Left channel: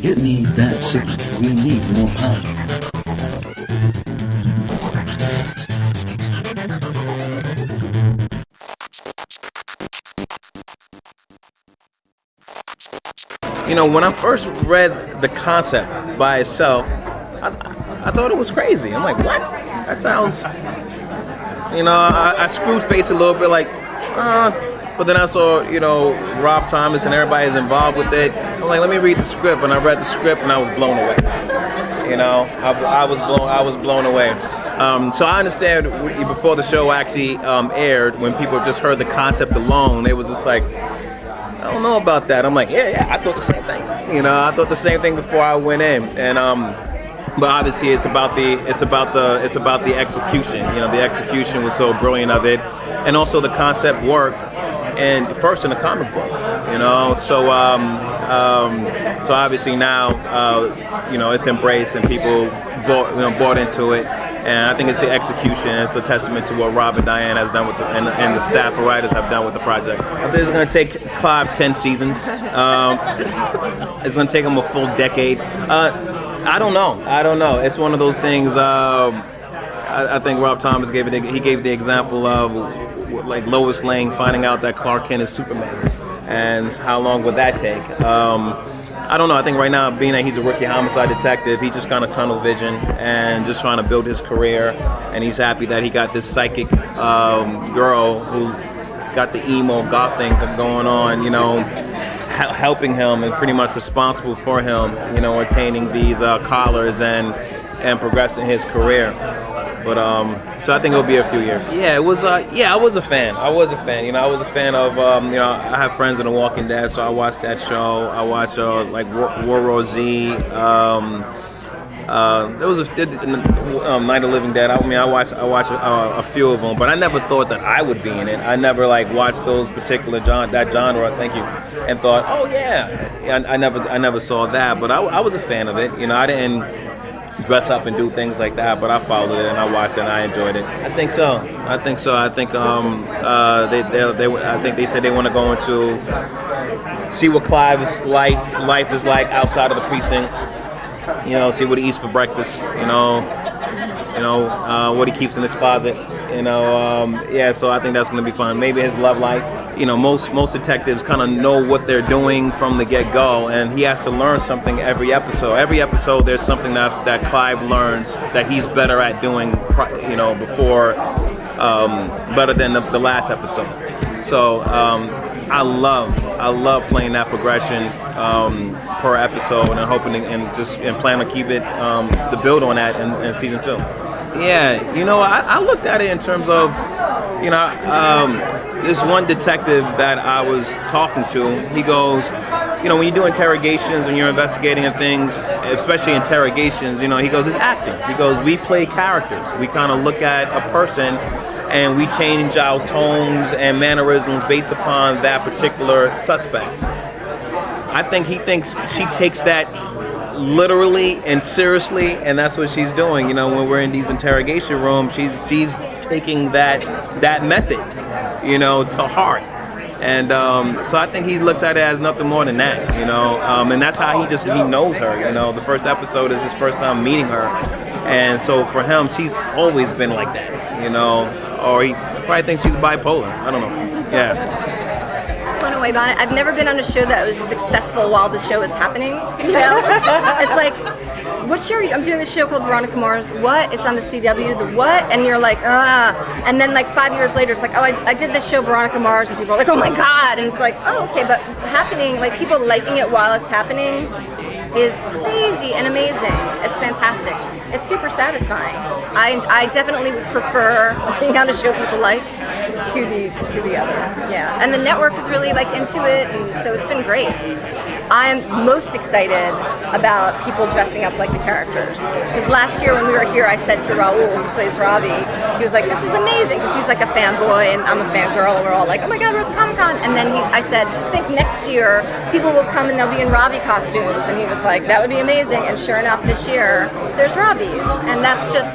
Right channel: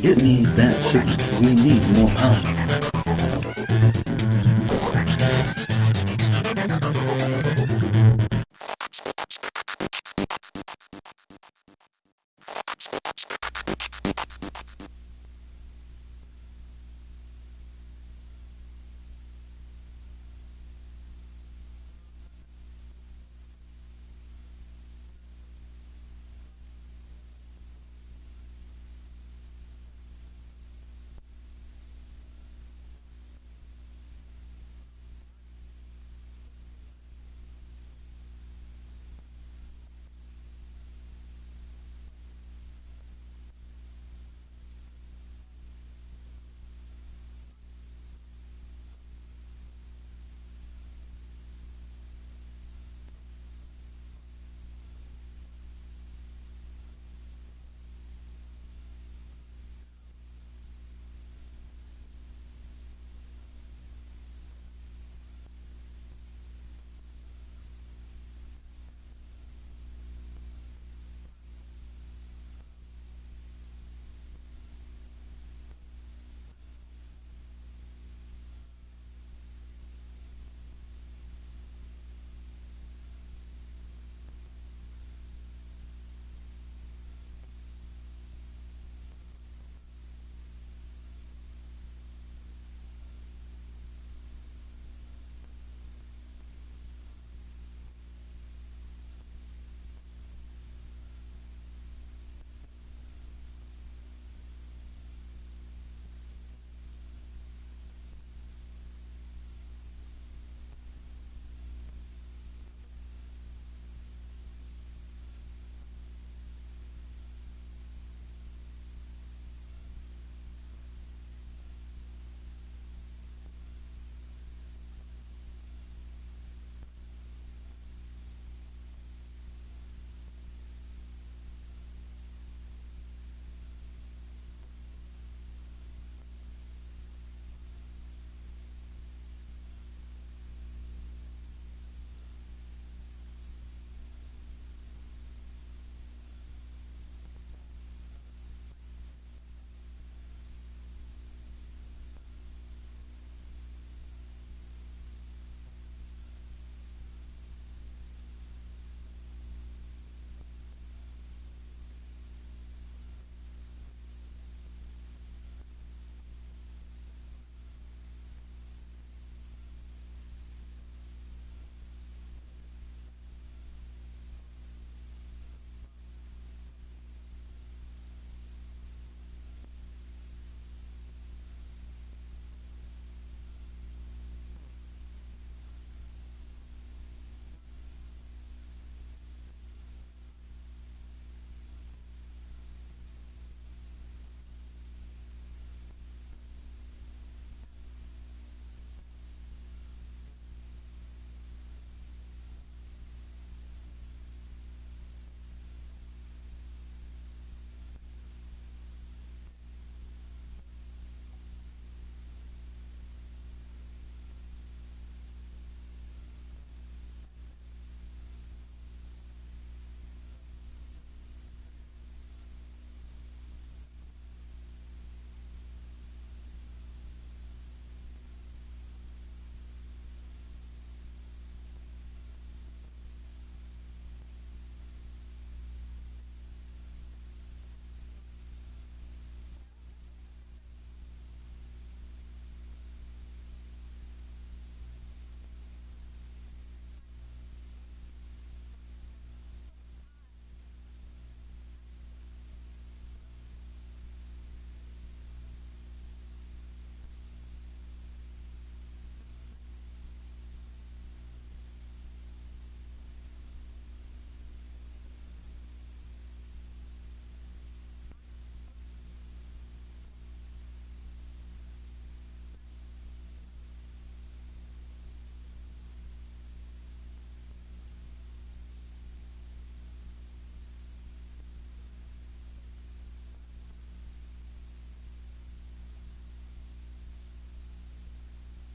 Get me that signal. We need more power. You know, when I first read the concept by itself, I, I thought it was crazy. I'm like, what? That sounds, I screwed face a little bit like, but then I saw, Rob Thomas and everybody is involved with it. I'm like, let me read the script, and I read the script, and I was blown away. I was blown away. So I understand before the show actually aired, when people just heard the concept alone, it was just like, I don't know about that. I'm like, yeah, I thought the same thing. I thought the same thing before I went in, and but obviously it's about the execution. The execution was so brilliant of it, and also the concept worked. And first in the comic book, so obviously now, it's embraced and people bought into it, and I think it's the execution. It's a testament to what Rob and Diane has done with and the staff of writers have done with the project. I think it's going to take Clive 10 seasons. It's going to take him a full decade. I don't know. It's one of those things. I think Rob Thomas gave the example of like Lois Lane finding out that Clark Kent is Superman, and how long would that take? I don't know. I think right now, being that he's a rookie homicide detective, he just kind of tunnel vision and just trying to build his career, and he's happy that he got this psychic girl who got the emo goth thing going on, helping him and pretty much responsible for him, attaining these collars and progressing his career. But so I think it'll be a few years. Yeah, it was. I was a fan. I was a fan of. I have friends in The Walking Dead, so I watched that show. I watched like World War Z. There was Night of the Living Dead. I watched a few of them, but I never thought that I would be in it. I never watched those particular genre. Thank you, and thought, oh yeah. I never saw that, but I was a fan of it. I didn't dress up and do things like that, but I followed it and I watched it and I enjoyed it. I think so. I think they said they want to go into see what Clive's life is like outside of the precinct. See what he eats for breakfast. What he keeps in his closet. So I think that's going to be fun. Maybe his love life. Most detectives kind of know what they're doing from the get-go, and he has to learn something every episode. Every episode, there's something that Clive learns that he's better at doing, before, better than the last episode. So I love playing that progression per episode, and hoping and plan to keep it the build on that in season 2. Yeah, I looked at it in terms of, this one detective that I was talking to, he goes, when you do interrogations and you're investigating and things, especially interrogations, he goes, it's acting. He goes, we play characters. We kind of look at a person and we change our tones and mannerisms based upon that particular suspect. I think he thinks she takes that literally and seriously, and that's what she's doing. When we're in these interrogation rooms, she's taking that method, to heart. And so I think he looks at it as nothing more than that, and that's how he knows her. The first episode is his first time meeting her, and so for him, she's always been like that, or he probably thinks she's bipolar. I don't know. Yeah. Blown away by it. I've never been on a show that was successful while the show is happening. It's like, I'm doing this show called Veronica Mars. What? It's on the CW. The what? And you're like, and then 5 years later, it's like, oh, I did this show Veronica Mars, and people are like, oh my god. And it's like, oh, okay, but happening, people liking it while it's happening is crazy and amazing. It's fantastic. It's super satisfying. I definitely would prefer being on a show people like to the other. Yeah, and the network is really into it, and so it's been great. I'm most excited about people dressing up like the characters. Because last year when we were here, I said to Raul, who plays Robbie, he was like, this is amazing, because he's like a fanboy, and I'm a fangirl, and we're all like, oh my god, we're at the Comic-Con. And then I said, just think next year, people will come and they'll be in Robbie costumes. And he was like, that would be amazing. And sure enough, this year, there's Robbies. And that's just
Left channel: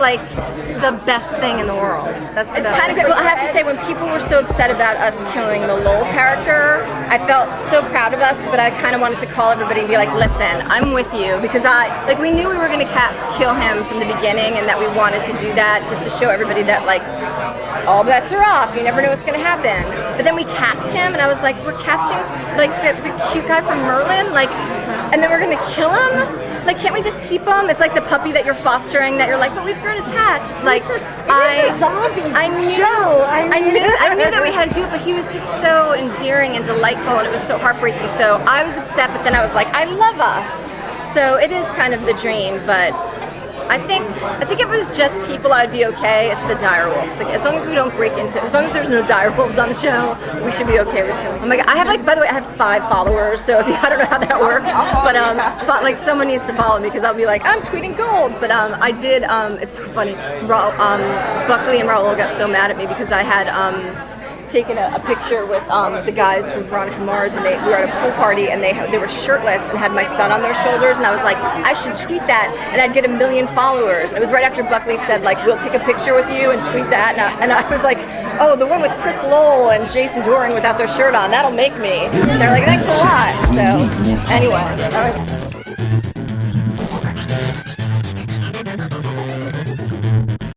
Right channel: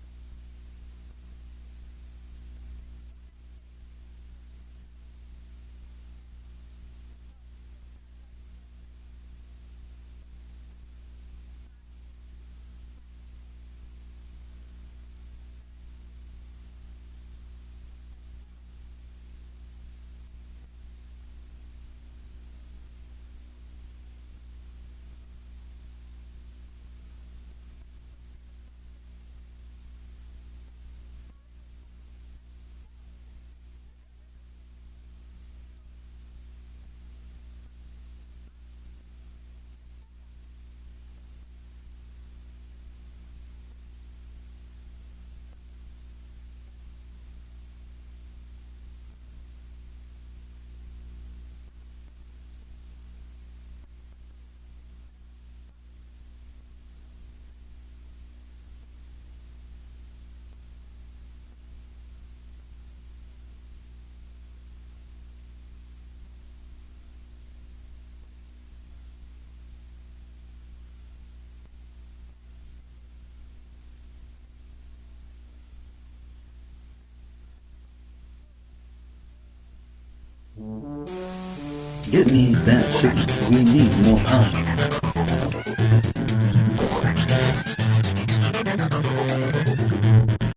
the best thing in the world. It's kind of great. Well, I have to say, when people were so upset about us killing the Lowell character, I felt so proud of us, but I kind of wanted to call everybody and be like, listen, I'm with you, because we knew we were going to kill him from the beginning, and that we wanted to do that just to show everybody that, like, all bets are off. You never know what's going to happen. But then we cast him, and I was like, we're casting like the cute guy from Merlin, like, and then we're going to kill him? Like, can't we just keep him? It's like the puppy that you're fostering that you're like, but we've grown attached. Like, I knew that we had to do it, but he was just so endearing and delightful, and it was so heartbreaking. So I was upset, but then I was like, I love us. So it is kind of the dream, but I think if it was just people, I'd be okay. It's the direwolves. Like, as long as we don't break into, as long as there's no direwolves on the show, we should be okay with them. Oh my God, I have, like, by the way, I have 5 followers, so if you, I don't know how that works, but like, someone needs to follow me, because I'll be like, I'm tweeting gold. But I did. It's so funny. Buckley and Raul got so mad at me because I had taken a picture with the guys from Veronica Mars, and we were at a pool party, and they were shirtless and had my son on their shoulders, and I was like, I should tweet that, and I'd get 1 million followers. And it was right after Buckley said, like, we'll take a picture with you and tweet that, and I was like, oh, the one with Chris Lowell and Jason Doran without their shirt on, that'll make me. And they're like, thanks a lot. So anyway.